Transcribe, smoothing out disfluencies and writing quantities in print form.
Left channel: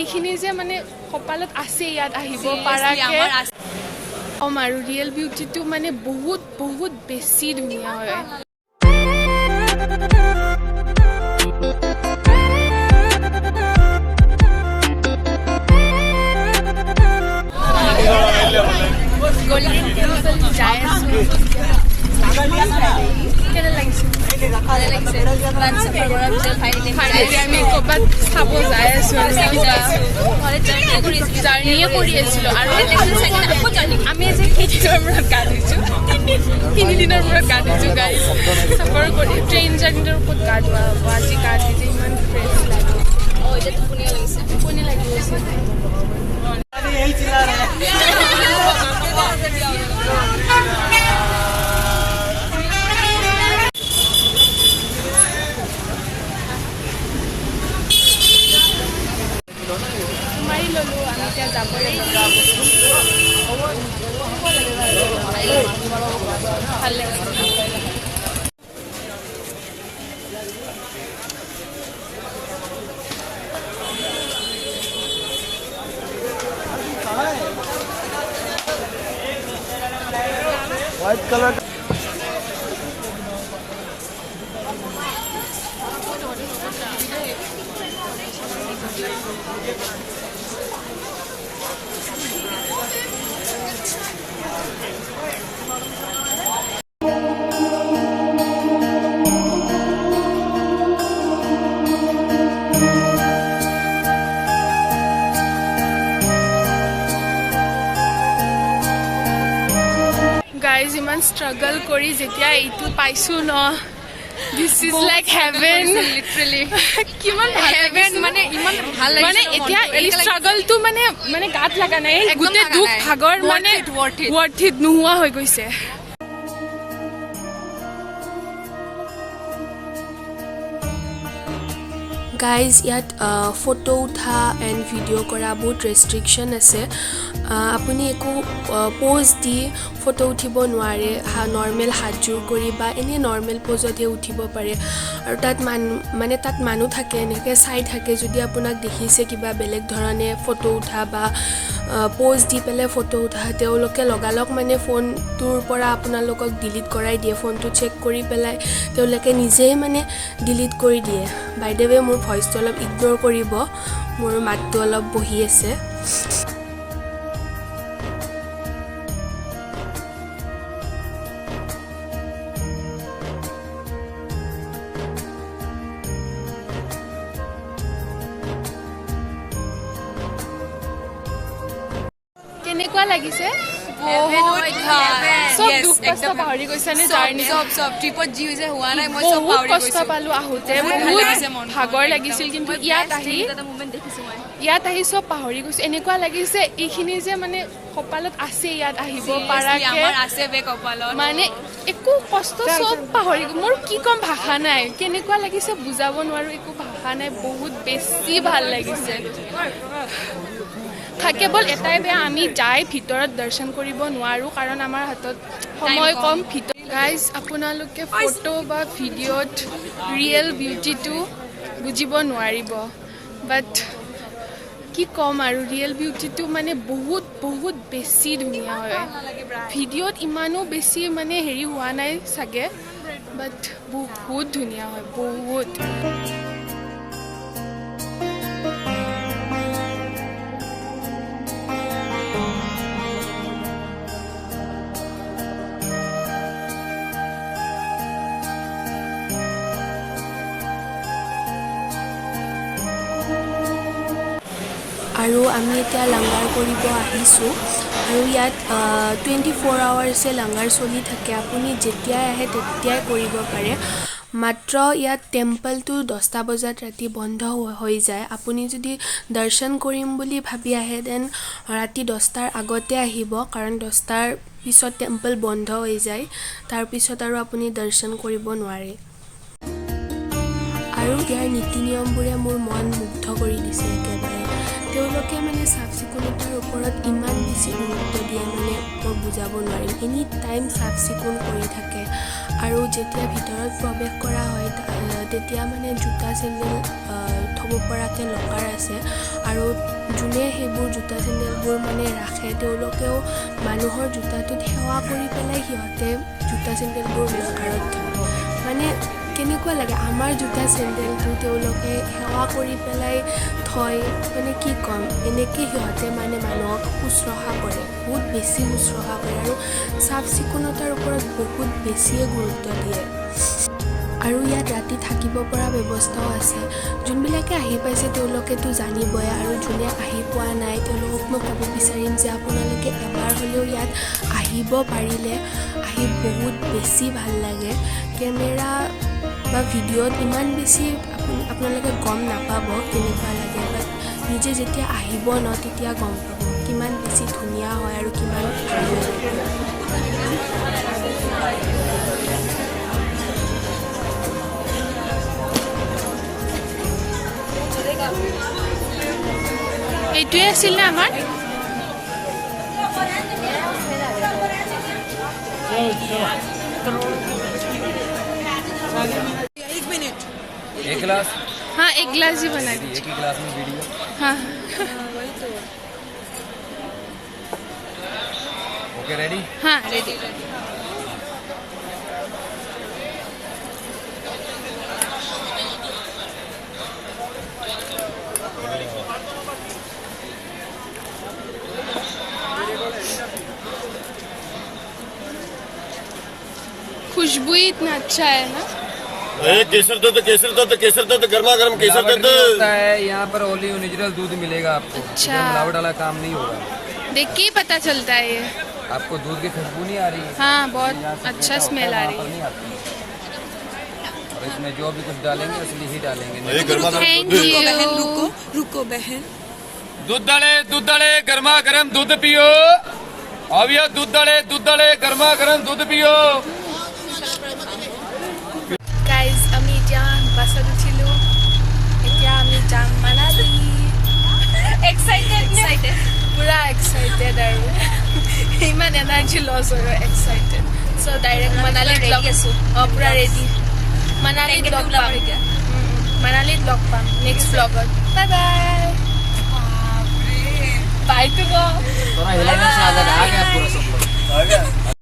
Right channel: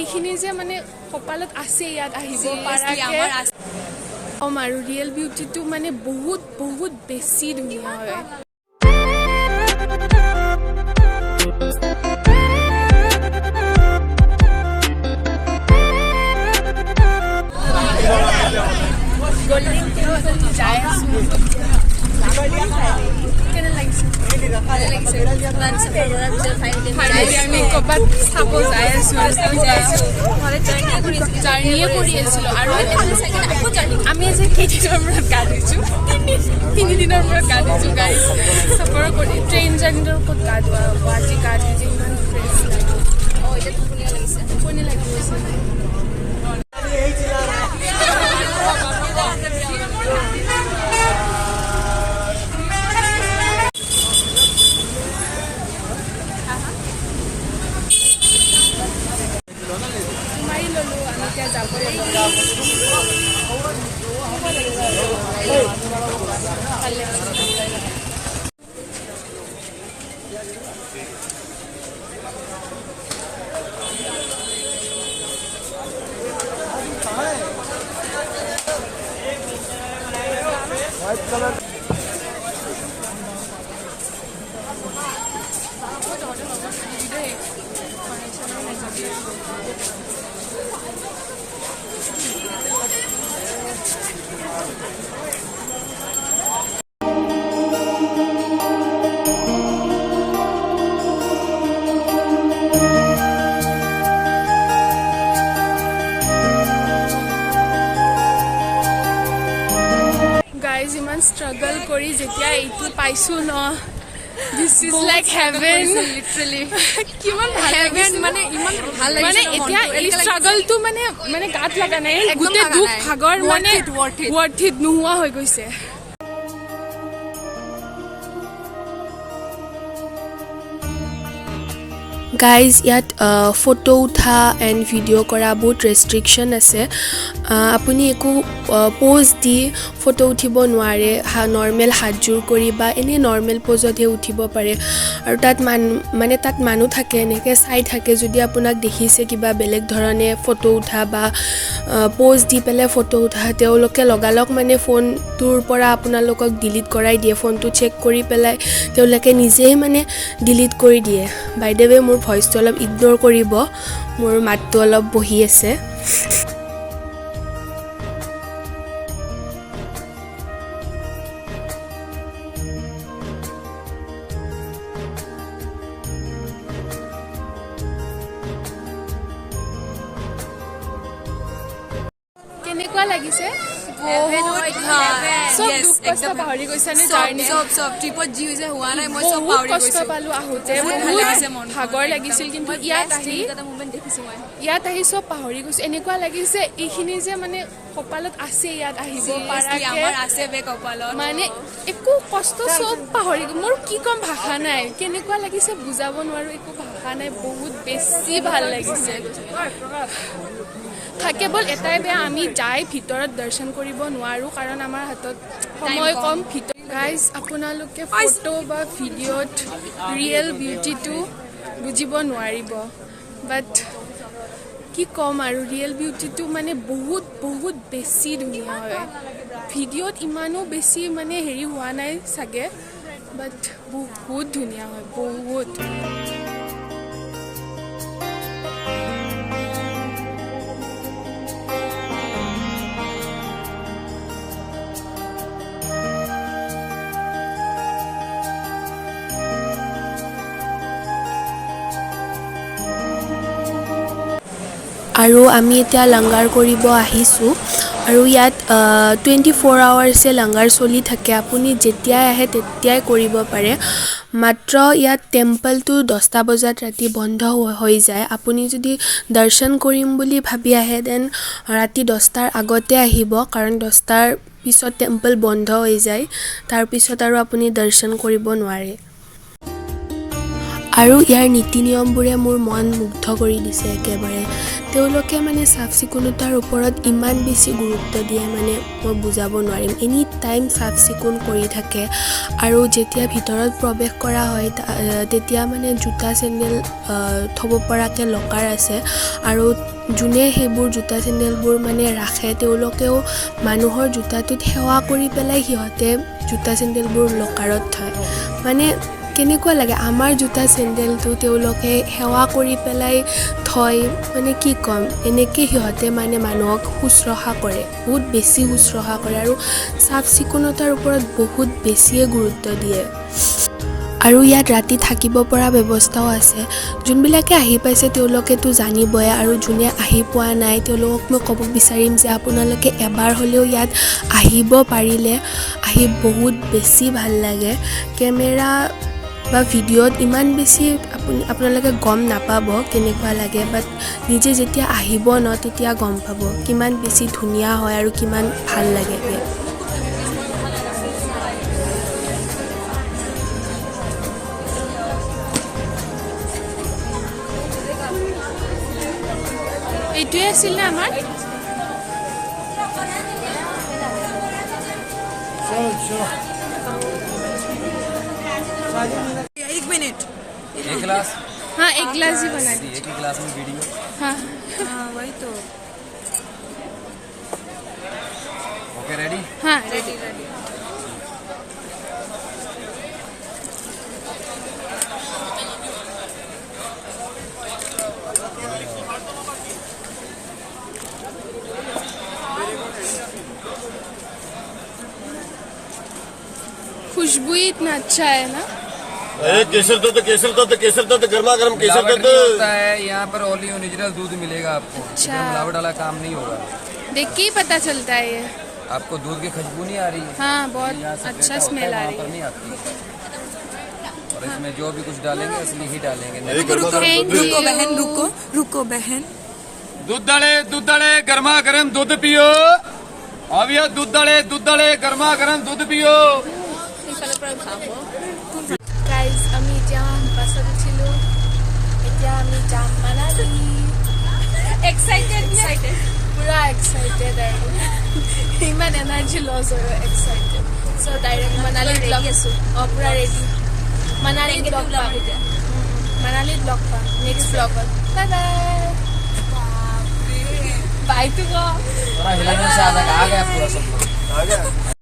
এইখিনি যে মানে কপালত আছে ইয়াত আহিব পাৰাকে আৰু ৰিয়েল বিউটিটো মানে বহুত বহুত বেছি ধুনীয়া হয় গোল্ডেন টেম্পল যাই আছো কেনে লাগিছে ফাইনেলি আমি ক'ৰবাত চাব যাই আছো আৰু কিবা জাৰ্ণিয়ে কৰি আছিলো আৰু আমি যে কেইদিনৰ মূৰত গা ধুইছোঁ 3 দিনৰ মূৰত গা ধুইছোঁ গাইজ চাফৰ কৰি ট্ৰেইন জাৰ্ণিৰ ওপৰত গা ধোৱা হ'ব আজি গা ধুই ইমান ফ্ৰেছ লাগে টোপনি লাগি গৈছে মাৰি ল'লো আমি এতিয়া যাব ভাল লাগিছে White color. গাইজ ইমান ষ্ট্ৰাগল কৰি যেতিয়া এইটো পাইছোঁ ন দিছ ইজ লাইক হেভেন কিমান ভাল লাগিছে মানে এতিয়া এই ষ্ট্ৰাগলটো মানে গাত লগা নাই গোটেই দুখ ভাগৰ মানে ৱৰ্থ ইট নোহোৱা হৈ গৈছে গাইজ ইয়াত ফটো উঠা এণ্ড ভিডিঅ' কৰা বহুত ৰেষ্ট্ৰিকশ্যন আছে আপুনি একো প'জ দি ফটো উঠিব নোৱাৰে নৰ্মেল হাতযোৰ কৰি বা এনেই নৰ্মেল প'জতহে উঠিব পাৰে আৰু তাত মানুহ থাকে এনেকৈ চাই থাকে যদি আপোনাক দেখিছে কিবা বেলেগ ধৰণে ফটো উঠা বা প'জ দি পেলাই ফটো উঠা তেওঁলোকে লগালগ মানে ফোনটোৰ পৰা আপোনালোকক ডিলিট কৰাই দিয়ে ফোনটো চেক কৰি পেলাই তেওঁলোকে নিজেই মানে ডিলিট কৰি দিয়ে বাই দ্য ৱে মোৰ ভইচটো অলপ ইগন'ৰ কৰিব মোৰ মাতটো অলপ বহি আছে কেনেকুৱা লাগিছে চব দুখ কষ্ট পাহৰি গৈছে নে জাৰ্ণি বহুত কষ্ট পালো আহোঁতে বহুত ভাগৰ লাগিছিল কিন্তু ইয়াত আহি চব পাহৰি গৈছো এনেকুৱা লাগিছে এইখিনি যে মানে কপালত আছে ইয়াত আহিব পাৰাকে মানে একো কষ্ট চব পাহৰি মোৰ কি কম ভাষা নাই কেনেকুৱা লাগিছে বুজাব নোৱাৰো একো ভাষা নাই বহুত বেছি ভাল লাগিছে কেৱল এটাই বেয়া আমি যাই ভিতৰত দৰ্শন কৰিব নোৱাৰোঁ কাৰণ আমাৰ হাতত সময় কম গাইজ আপোনালোকে ফটো বা ভিডিঅ'ত ৰিয়েল বিউটিটো বুজিব নোৱাৰিব বাট কি ক'ম আৰু ৰিয়েল বিউটিটো মানে বহুত বহুত বেছি ধুনীয়া হয় ভিডিঅ'ত ইমানো বেছি মানে হেৰি হোৱা নাই চাগে বাট বহুত ধুনীয়া হয় বহুত আৰু আমি এতিয়া লাংগাৰ কৰিব আহিছোঁ আৰু ইয়াত 24 আৱাৰ্ছে লাংগাৰ চলি থাকে আপুনি যেতিয়াই আহে তেতিয়াই কৰিব পাৰে মাত্ৰ ইয়াত টেম্পলটো 10টা বজাত ৰাতি বন্ধ হৈ যায় আপুনি যদি দৰ্শন কৰিম বুলি ভাবি আহে দেন ৰাতি 10টাৰ আগতে আহিব কাৰণ 10টাৰ পিছত টেম্পল বন্ধ হৈ যায় তাৰপিছত আৰু আপুনি দৰ্শন কৰিব নোৱাৰে আৰু ইয়াৰ নীতি নিয়মবোৰে মোৰ মন মুগ্ধ কৰি দিছে একেবাৰে। তেওঁলোকে মানে চাফ চিকুণতাৰ ওপৰত ইমান বেছি গুৰুত্ব দিয়ে মানে মই বুজাব নোৱাৰিম। এনি টাইম চাফ চিকুণ কৰি থাকে আৰু যেতিয়া ভিতৰত প্ৰৱেশ কৰা হয় তেতিয়া মানে জোতা চেণ্ডেল থ'ব পৰাকৈ লকাৰ আছে আৰু যোনে সেইবোৰ জোতা চেণ্ডেলবোৰ মানে ৰাখে তেওঁলোকেও মানুহৰ জোতাটোত সেৱা কৰি পেলাই সিহঁতে জোতা চেণ্ডেলবোৰ লকাৰত থয়। মানে কেনেকুৱা লাগে আমাৰ জোতা চেণ্ডেলটো তেওঁলোকে সেৱা কৰি পেলাই থয়, মানে কি ক'ম, এনেকৈ সিহঁতে মানে মানুহক শুশ্ৰূষা কৰে, বহুত বেছি শুশ্ৰূষা কৰে আৰু চাফ চিকুণতাৰ ওপৰত বহুত বেছিয়ে গুৰুত্ব দিয়ে। আৰু ইয়াত ৰাতি থাকিব পৰা ব্যৱস্থাও আছে। যোনবিলাকে আহি পাইছে তেওঁলোকেতো জানিবই আৰু যোনে আহি পোৱা নাই তেওঁলোকক মই ক'ব বিচাৰিম যে আপোনালোকে এবাৰ হ'লেও ইয়াত আহিব পাৰিলে আহি বহুত বেছি ভাল লাগে। কেমেৰা বা ভিডিঅ'ত ইমান বেছি আপোনালোকে গম নাপাব কেনেকুৱা লাগে, বাট নিজে যেতিয়া আহিব ন তেতিয়া গম পাব কিমান বেছি ধুনীয়া হয় আৰু কিমান ভাল লাগে। এইটোৱে আছিল নে আমাৰ? एक गिलास हाँ, एक गिलास ही बना एक ही गिलास में वीडियो। हाँ ओके रेडी? हाँ रेडी। खुशबू ही इतना अच्छा है ना। केसर दूध गर्मा गर्म केसर मिलावट दूध नहीं होता है यहाँ पर, ओनली ओरिजिनल दूध मिलेगा आपको। अच्छा। इसमें मिलावट वाला काम नहीं होगा। देख के ही पता चलता है ये। आपको दूध की खुशबू नहीं आ रही है? हाँ, यहाँ बहुत से अच्छा होता स्मेल आ वहाँ रही पर है। नहीं आती। और इसमें जो भी कुछ डालेंगे असली ही डालेंगे। गर्मा गर्म थैंक यू। रुको बहन, दूध डाले गर्मा गर्म दूध पियो। अब यह दूध डाले गर्मा गर्म दूध पियो। গাইজ আমি এতিয়া বাছত উঠিলোঁ, এতিয়া আমি যাম মানালী। এক্সাইটেড পুৰা এক্সাইটেড আৰু ইমান এনাৰ্জি লছ হয় এক্সাইটেড। চ' ডাইৰেক্ট মানালীত লগ আছোঁ। অঁ পুৰা ৰেডি, মানালীত লগ পাম। মানালীত লগ পাম নেক্সট ব্লগত। Bye bye. বাই তো थोड़ा हिलाने से अलग आ गया पूरा सब लोग।